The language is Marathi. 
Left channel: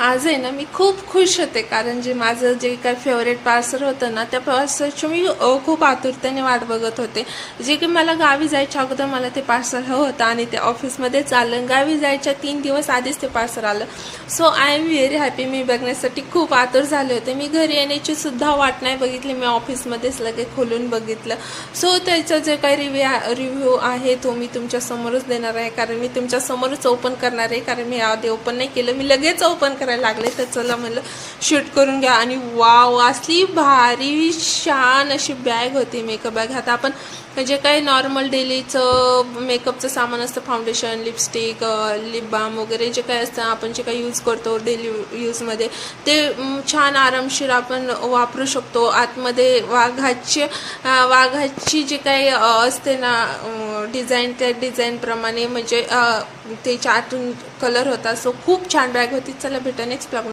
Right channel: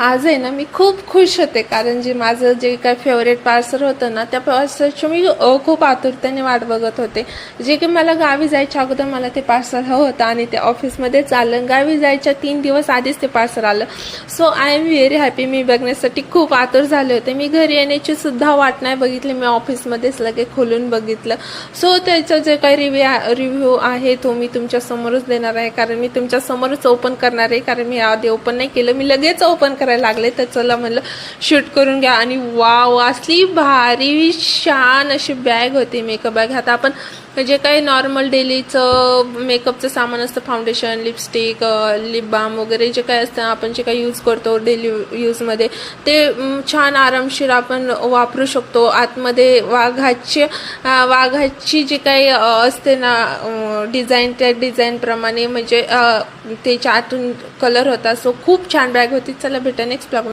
आज आहे ना मी खूप खुश होते, कारण जे माझं जे काही फेवरेट पार्सल होतं ना, त्या पार्सलची मी खूप आतुरतेने वाट बघत होते. जे की मला गावी जायच्या अगोदर मला ते पार्सल हवं होतं आणि ते ऑफिसमध्येच आलं. गावी जायच्या 3 दिवस आधीच ते पार्सल आलं. So I am very happy. मी बघण्यासाठी खूप आतुर झाले होते. मी घरी येण्याची सुद्धा वाट नाही बघितली. मी ऑफिसमध्येच लगे खोलून बघितलं. सो त्याचं जे काही रिव्ह्यू आहे तो मी तुमच्या समोरच देणार आहे, कारण मी तुमच्या समोरच ओपन करणार आहे. कारण मी आधी ओपन नाही केलं, मी लगेच ओपन करायला लागले. तर चला म्हणलं शूट करून घ्या. आणि वाव, असली भारी छान अशी बॅग होती, मेकअप बॅग. आता आपण जे काही नॉर्मल डेलीचं मेकअपचं सामान असतं, फाउंडेशन, लिपस्टिक, लिप बाम वगैरे जे काही असतं आपण जे काही यूज करतो डेली यूजमध्ये, ते छान आरामशीर आपण वापरू शकतो. आतमध्ये वाघाची जी काही असते ना डिझाईन, त्या डिझाईनप्रमाणे म्हणजे त्याच्या आतून कलर होता. सो खूप छान बॅग होती. चला भेटा नेक्स्ट ब्लॉग.